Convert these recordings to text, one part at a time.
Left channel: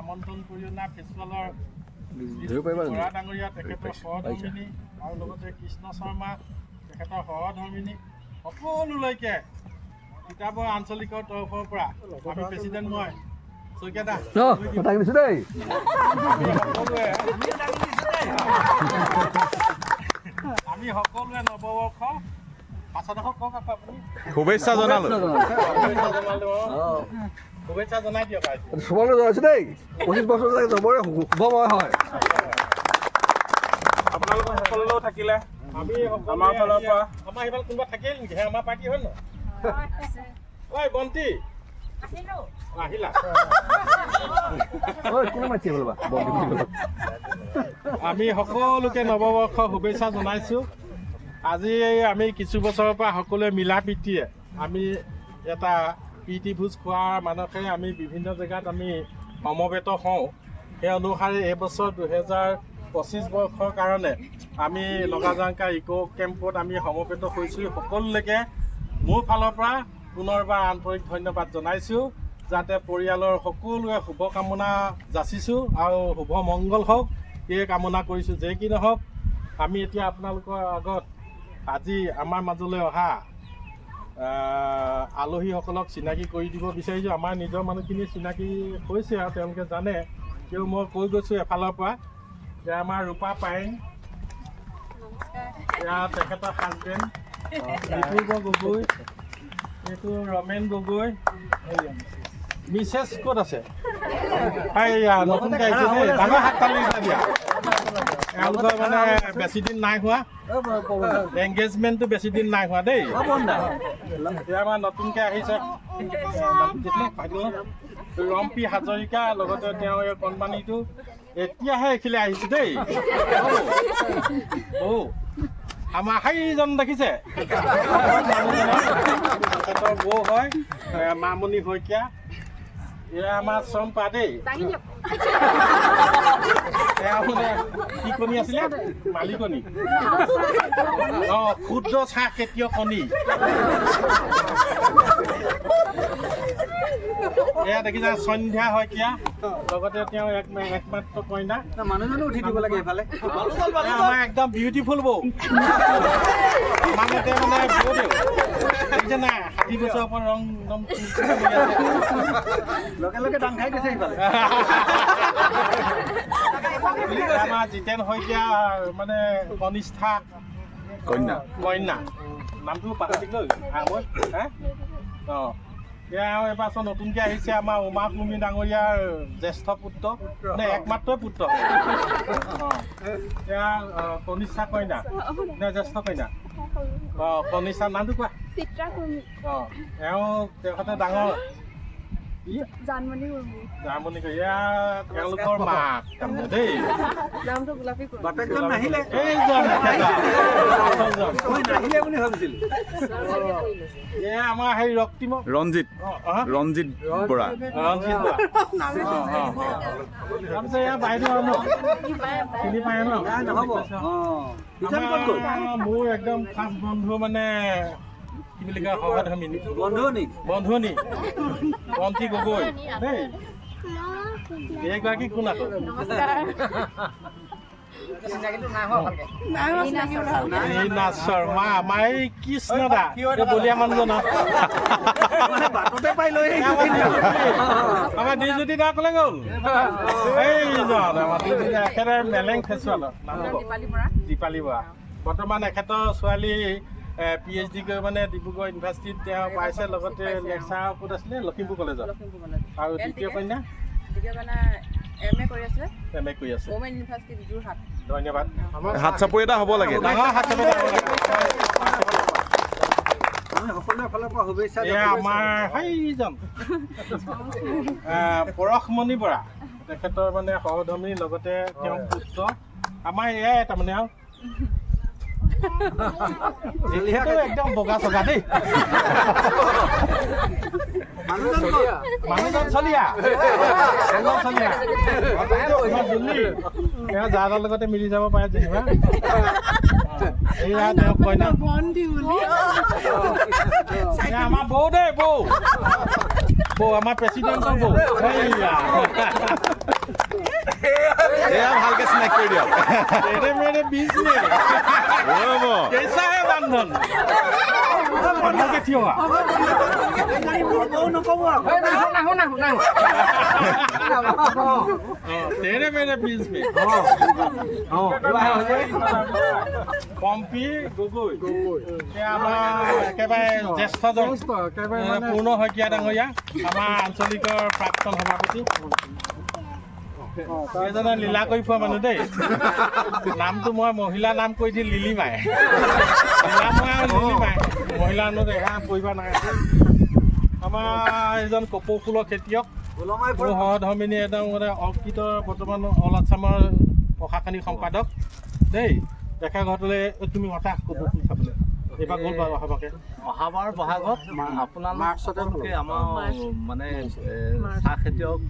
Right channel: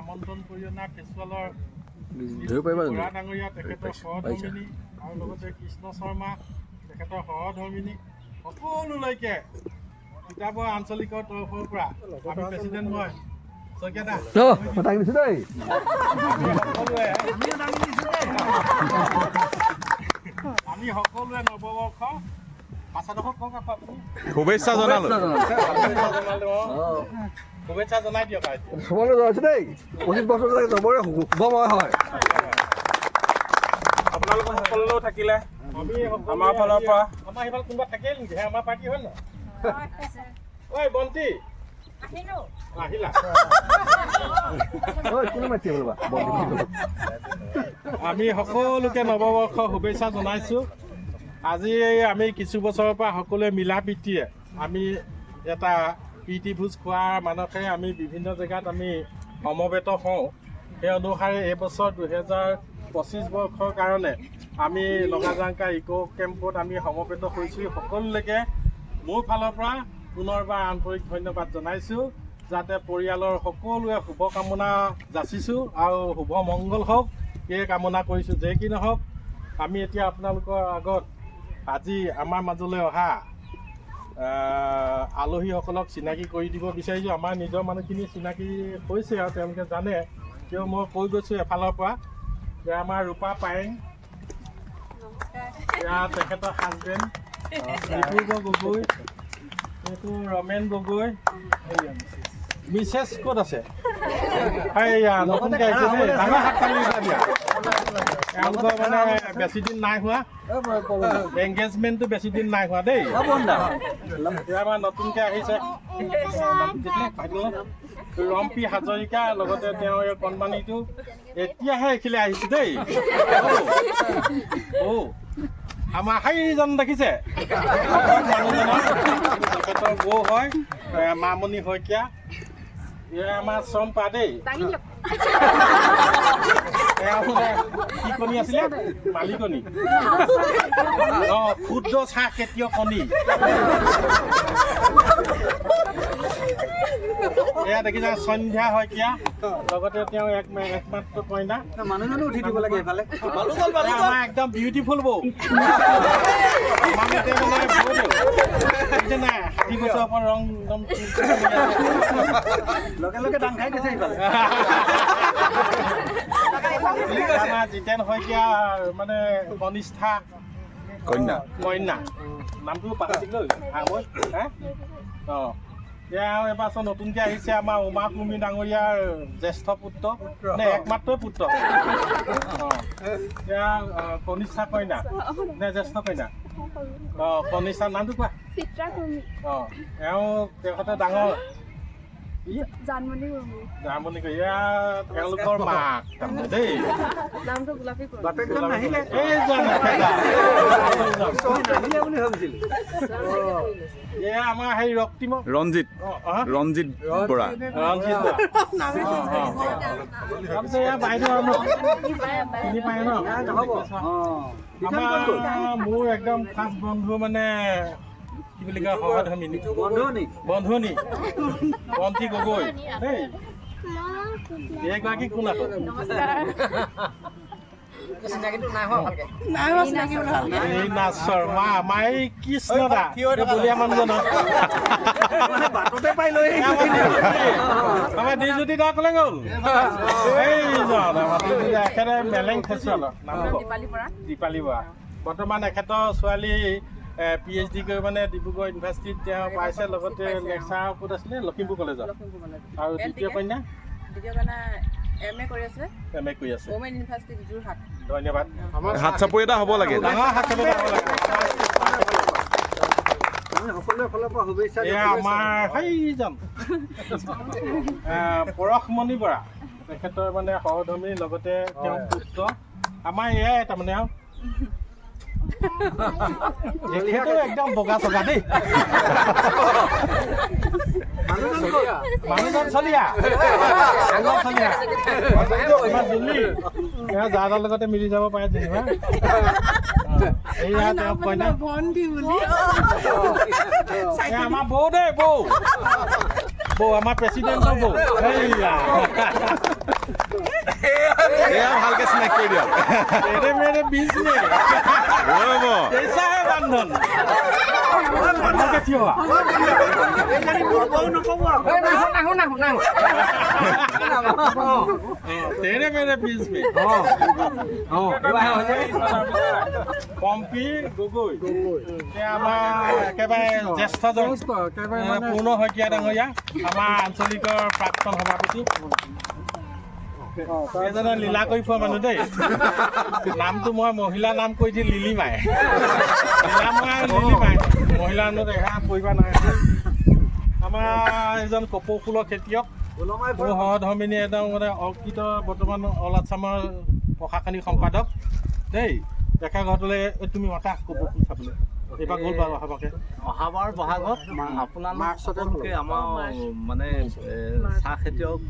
আমন্ত্ৰণ কৰি অনা ফেষ্টিভেলৰ বৰা ডাঙৰীয়া তেখেতৰ সহধৰ্মিনী আৰু লগতে কৃষ্ণ শৰ্মা তেখেতৰ সহধৰ্মিনী সকলোলৈকে কিতাপৰ আঞ্চলিকৰ তৰফৰ পৰা আমি প্ৰেচিডেণ্ট মই শইকীয়া আমি সকলোৱে নৱবৰ্ষ পাছৰডোখৰ কওক আকৌ আপুনি শুভেচ্ছা জনালো শুভেচ্ছা জনাই দিয়ক চবকে জনাইছে দেই 25 বছৰ চবৰে শুভময় হয় আপোনালোকৰ সকলোলৈও থাকিলে আমি আমাৰ ফালৰ পৰা আমাৰ এইফালে কোনোবা থাকিল নেকি আমাৰ পাৰ্টি হয় নহয় ঐ বন্তি আহিলা আমি সকলোকে নৱবৰ্ষ শুভেচ্ছা জনাইছোঁ আজি আমি কিছু বছৰৰ পৰা সকলোৱে মিলা প্ৰীতিয়ে আমি এটা প্ৰীতি ভোজ খোৱাৰ মানসে আমি বিভিন্ন জেগাত আমি সমবেত হওঁ সেই অনুসাৰে এইবছৰ 2025 বৰ্ষৰ কাৰণে আমি লগাজাংকা ইক' কেম্পত আমি সমবেত হৈছোঁ সকলোলৈকে মোৰ ফালৰ পৰা পুনৰবাৰ আন্তৰিক ধন্যবাদ জনাইছোঁ যাতে পৰিয়ালৰ সকলোৱে শুভকামনা যাচিছোঁ আৰু শুভ মংগল হওক এই কামনা কৰিছোঁ যে কি নহওক আমি এতিয়া আপোনালোকৰ আগত আজি আমাৰ মাজলৈ অহা আলহীসকলক চিনাকি কৰি দিব বিচাৰিছোঁ আমাৰ নিজৰ মানুহখিনি চিনাকি হৈছে আৰু তেওঁলোকে জানে কিয় মই কৈ গৈছোঁ এফালৰ পৰা যে আমাৰ ৰূপা পায়েং এয়া তেখেতৰ হাজবেণ্ড ৰিপুৰ্ব গগৈ এইটো ৰমেন গগৈ মিছেছ ক'ত আছে নতুনকৈ আহিছে দেই ডাঙৰ হাত তালি দিয়া তেওঁলোকৰ মানে বেছি দিন নাই হোৱা এংগেজমেণ্টটো বেছি দিন নাই হোৱা দেই এতিয়া আমাৰ নতুনকৈ আহিছে ৰম্পী হাজৰিকা লগতে তেওঁ এই কণমানিটো এতিয়াহে এইখিলে আহিছে দেই আমাৰ হাইজন দেখিছে তেখেতৰ বৌ হয় মামণি শইকীয়া এয়া আমাৰ চম্পা দেই এয়া মানে কি কণী আছিলে মালিকণী ক্ষুদ্ৰ চাহ খেতিয়ক কণী এয়া দেখিছা সন্ধ্যা শইকীয়া লগতে তেওঁ একমাত্ৰ কইনা মানুহজনো উঠি দিব লাগে এইফালে আমাৰ একদম বিউটিফুল বৌ আমাৰ মতে মানে বৌ দেউ দেখিছে নাই 60 বছৰ ওপৰত ৰং একদম লগে লগে দান খাই দিছে এইফালে আমাৰ জিতেন শইকীয়া মানে কনিষ্ঠা কন্যা নামটো পাহৰি থাকিলোঁ এয়া এবাৰ নতুনকৈ আহিছে আমাৰ উমা কুৰ্মী ডাঙৰীয়াৰ জ্যেষ্ঠ পুত্ৰ নে একমাত্ৰ পুত্ৰ এয়া কনিষ্ঠা কইনা নে জ্যেষ্ঠ কইনা কনিষ্ঠাৰ নামটো কোৱা এওঁ তেখেতে ডাঙৰ জানমণি এয়া তেওঁলোকৰ মাক তাৰমানে দেই এয়া আমাৰ সেই ৰক্তিম ৰঞ্জিত বৰা এয়া বাইদেউ আৰু ন চিনি পায় ন আমাৰ মোৰ একদম খাছ বন্ধু মানে কি বুলি কয় সহধৰ্মিনী বন্ধুনী বন্তি গগৈ দেই এইগৰাকী কোন আকৌ ৰীনা শৰ্মা আমাৰ এই কৃষ্ণ দা বলীয়া মানুহজনক বাটতে পাই লৈ আমাৰ দিলজ্যোতি দা ক'লে গ'ল এইজন আমাৰ দিলজ্যোতি একেবাৰে মেলেং ফেষ্টিভেলৰ নাম দীপালী বৰা বৰ্তমান এখেতৰ ছোৱালী PhD কৰি মানে ডিব্ৰুগড় ইউনিভাৰ্চিটিত তেওঁ পাইছে লগতে লেকচাৰ ক'ত আছিলে লখিমপুৰ কলেজত আৰু দ্বিতীয় কন্যা MA কৰি আছে ওমেন ইউনিভাৰ্চিটি যোৰহাট ধন্যবাদ হাত চাপৰি এটা হ'ব লাগে ডাঙৰ হাত চাপৰি এটা হ'ব লাগে এয়া আমাৰ সেইজন পৰশমণি বৰা তেখেতৰ মানে সহধৰ্মীৰ লগতে তেওঁ পুত্ৰ আমাৰ এয়াই তাৰমানে আৰু একদম বগা চগা দেই মানুহজন চলিয়া যাৰ লগতে মিলি যাব পাৰে যেনিবা এয়া তেওঁ কইনা আমাৰ বৌ দেই বৌ বৌ আমাৰ প্ৰেচিডেণ্টৰ বৌ এইয়া এয়া ভালকে চিনাকি কৰি দিয়ক तेरे मेरे बीच में ৰ'ব कैसा है बंधन बंधन के थियो तेरे मेरे बीच में পম্পী গগৈ আমাৰ একেবাৰে জ্যেষ্ঠজন পূৰ্ণ শইকীয়া ডাঙৰীয়া আমাৰ আঞ্চলিকৰ প্ৰাক্তন সভাপতি এজনে লীলা কৰি ফুৰা মানুহ দেই নামটো মই মহিলা নাম কৈ দি লিলিমাই লীলাময় আৰু লিলিমাই মহিলা মানুহ দেখা পৰিবা নাই আমাৰ এজন কপৌ ফুলৰ খেতিয়ক মোৰ সহধৰ্মিনী একদম মানে অৰ্কিত বৰ্তমান অল আছামৰ প্ৰশাসনিক সম্পাদক দেই দেখা ঘৰটোলৈ তুমি মতা কপৌ ফুল চাবলৈ এইবাৰ গ'ল বাৰু অহাবাকে অহাবাৰ বহাগত আপোনালোক সকলোকে আমাৰ মানে চাহ খেতিয়ক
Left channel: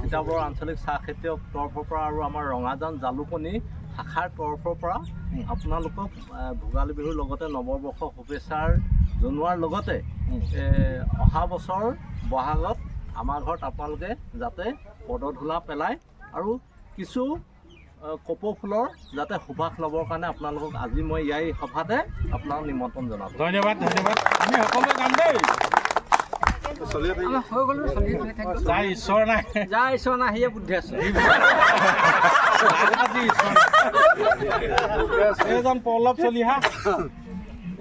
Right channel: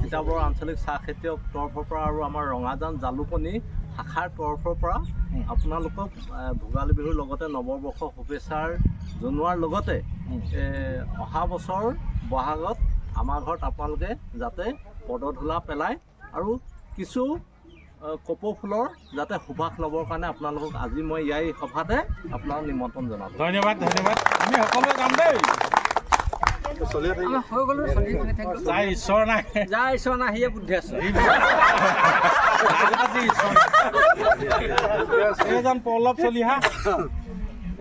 তিতাবৰ আঞ্চলিক চাহ খেতিয়ক তৰফৰ পৰা আৰু আমাৰ ৰঙাজান জালুকনী শাখাৰ তৰফৰ পৰা আপোনালোকক ভোগালী বিহুৰ লগতে নৱবৰ্ষ শুভেচ্ছাৰ জনোৱাৰ লগতে অহা বছৰ বহাগত আমাৰ ঘৰত আপোনালোকে যাতে পদধূলা পেলায় আৰু কিছু কপৌ ফুলৰ যাতে সুবাস ল'বৰ কাৰণে আপোনালোকক আজি মই ইয়াৰ সভাতে আপোনাক নিমন্ত্ৰণ জনালোঁ ধন্যবাদ ধন্যবাদ আমি সকলোৱে যাম দেই যাই ঈশ্বৰ নাই যাই ঈশ্বৰ নাই সিয়ে বুদ্ধি আছে এইজন পল্লৱ চলিহা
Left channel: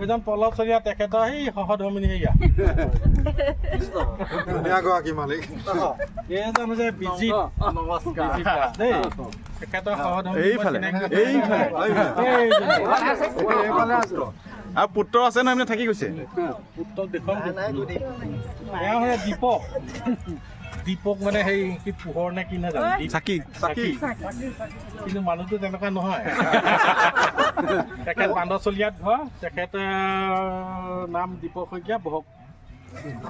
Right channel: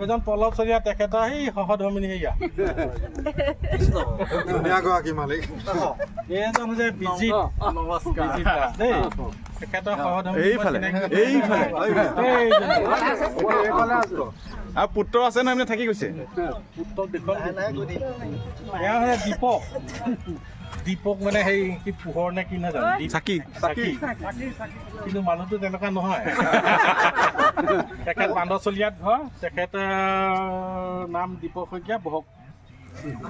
এইজন পল্লৱ চলিহা তেখেতৰ সেই সহধৰ্মিনী সেয়া এইজন হৈছে বিজিত নমস্কাৰ দেই তেখেতৰ সহধৰ্মিনী এইফালে আৰু পুত্ৰ আছে নহয় থাকি গৈছে পুত্ৰক দেখুৱাম এয়া হৈছে দীপক দীপক মানে সেই কি পোহৰ নে কি নাজানো চাকি চাকি কিন্তু মানুহটো তেনেকুৱা নহয় তেখেত বান্দৰচলীয়াত ঘৰ তেখেতৰ নাম দীপক শইকীয়া বহক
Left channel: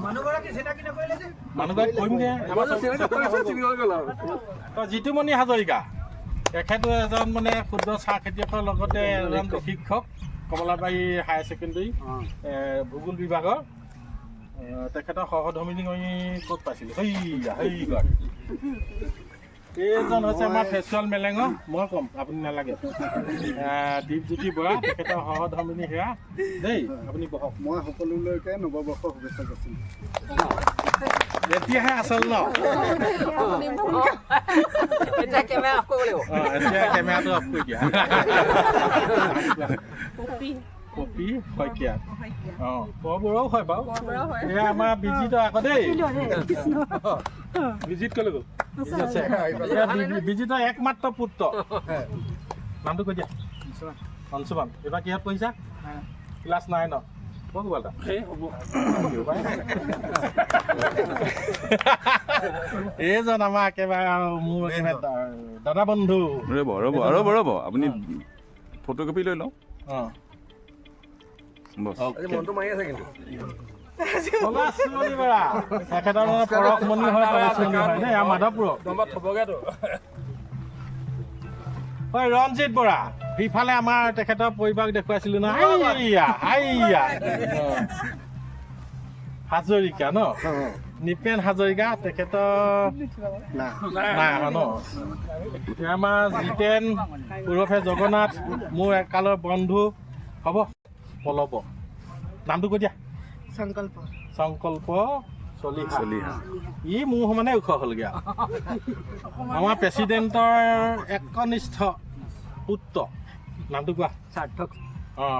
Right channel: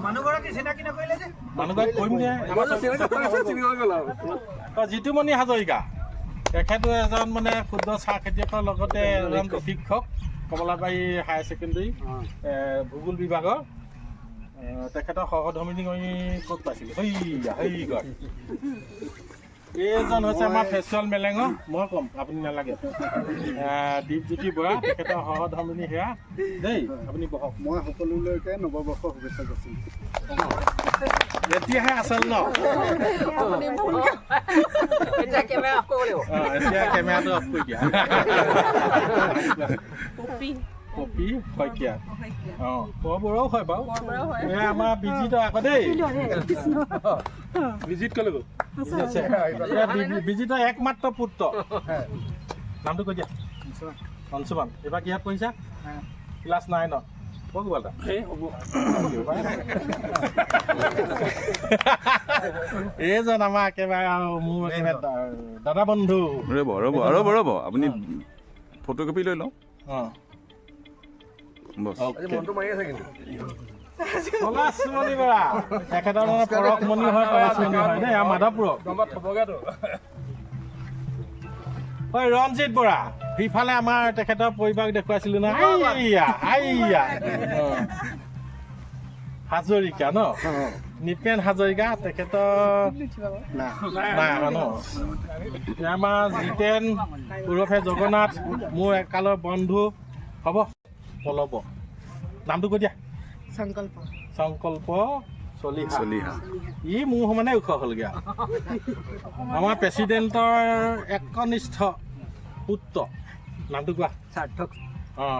মানুহগৰাকী কৰিম দিয়া জিতুমণি হাজৰিকা তেখেতো এজন মানে ক্ষুদ্ৰ চাহ খেতিয়কৰ লগতে এজন শিক্ষক কমলাবাৰী হায়াৰ ছেকেণ্ডেৰী ভূগোল বিভাগৰ তেখেতৰ সহধৰ্মিনী আমি ক'ত পাইছিলোঁ এইজন হৈছে আমাৰ ফেচুৱেল মেলেঙৰ মই ক'ম আপুনি নালাগে দীপজ্যোতি বৰা তেখেতৰ সহধৰ্মিনী সেয়া দেই আপুনি বহক মই সকলোলৈকে নৱবৰ্ষ শুভেচ্ছা যাচিলোঁ এতিয়াহে আচল ন এতিয়া কেমেৰাটো অফ কৰি দিয়া কপি শইকীয়া অঁ বৰাও হয় বাৰু এয়া আমাৰ বিজিতৰ আকৌ দেই বিজিত ক'লৈ গ'ল বিজিতৰ একমাত্ৰ পুত্ৰ নামটো কৈ দিয়া অংশুমান এইবাৰ কিহত পঢ়িছা ক্লাছ 9 ক'ত গ'ল এইজন আমাৰ একেবাৰে মোৰ একেবাৰে দাদা বন্ধু ৰ'ব আপুনি ফটোকপি লৈ লওঁ অঁ পলাশমণি বৰা তেখেতৰ পৰশমণি হয় পলাশমণি হয় দেই মাধৱপুৰ হয় ৰঞ্জিত বৰা সিফালে আমাৰ তেখেতৰ পৰিবাৰক দেখুৱাইছিলোঁ ন হাজৰিকা ন নিপেন হাজৰিকা তেখেতৰ নাই আমাৰ ন আমাৰ জিতেন ওৰফে জগন্নাথ মোৰ একালৰ বন্ধু হ'ব পলব নামটো কৈ দিয়া সংকল্প চলিহা ই মোৰ সমানে ওখ হ'লগৈ আমাৰ প্ৰেচিডেণ্টৰ একনিষ্ঠ পুত্ৰ নামটো কোৱা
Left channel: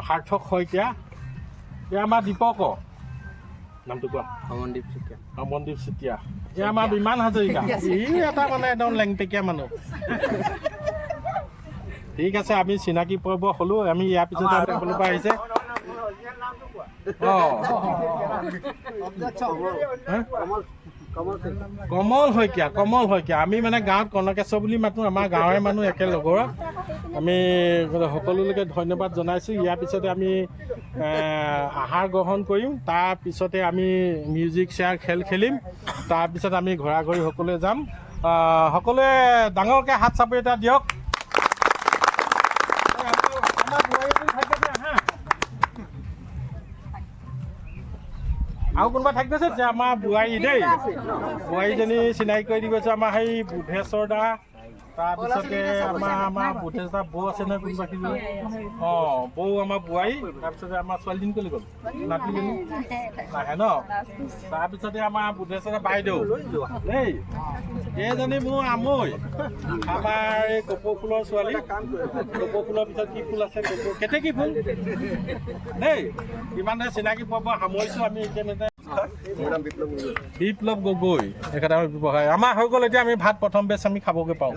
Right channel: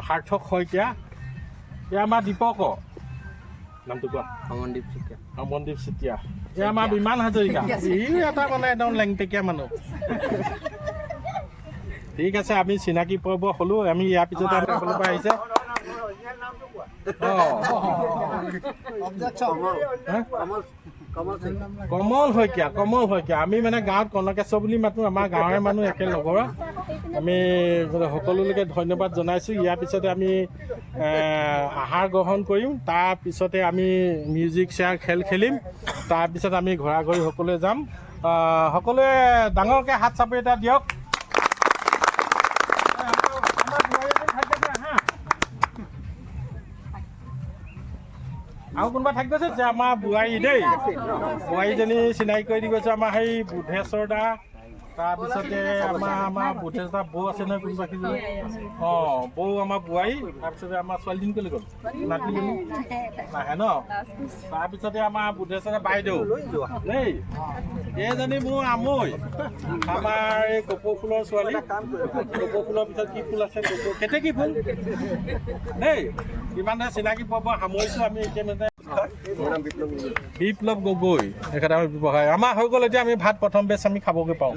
সাৰ্থক শইকীয়া এয়া আমাৰ দীপক নামটো কোৱা অমনদীপ চুতীয়া এয়া আমাৰ বিমান হাজৰিকা ই এটা মানে একদম লেংটেকীয়া মানুহ ঠিক আছে আমি চিনাকি পৰ্ব হ'লোঁ আমি ইয়াৰ পিছতে আমি সকলো পৰা আহিছে কমল শইকীয়া আমি মানে গাঁৱত কনকেশ্বৰ বুলি মাতোঁ আমাৰ গাঁৱৰে মানুহ একেলগৰ আমি সকলোলৈকে ধন্যবাদ জনাইছোঁ ইয়াৰ পিছতে আমি আহাৰ গ্ৰহণ কৰিম তাৰপিছতে আমি মিউজিক চেয়াৰ খেল খেলিম তাৰপিছত আমি ঘৰা ঘৰি সকলোৱে যাম সকলোৱে ডাঙৰকৈ হাত চাপৰি এটা দিয়ক আৰু আৰু কোনোবা থাকি গৈছে যে আমাৰ বোৱাৰী দেই বোৱাৰীজনী চিনাকি কৰি দি গৈছে আমাৰ সেই বুধেশ্বৰ দা তাৰপিছতে আমাৰ বুধেশ্বৰ দা বৌ আছে নহয় কোনোবা খিনি বৌ আমাৰ বোৱাৰী তাৰপিছতে আমাৰ ছোৱালীজনী ক'লৈ গ'ল নাতিজনী নাহে ন তাৰপিছতে আমাৰ বুধেশ্বৰ বাইদেউ দেই এইজনী মোৰ আমৈ আমাৰ এই কপৌ ফুলৰ ছোৱালী কপৌ ফুলৰ পিছত কি ফুল আছে কপৌ কেতেকী ফুল দেই ইমানে চিনাকি পাব সামৰিছোঁ আমি এতিয়া বিপ্লৱ গগৈ এখেতে আমাৰ ব্যৱসায় আমাৰ হৈ গ'ল এতিয়া আমি ভাত প্ৰথম বেচ আমি খাবগৈ পাওঁ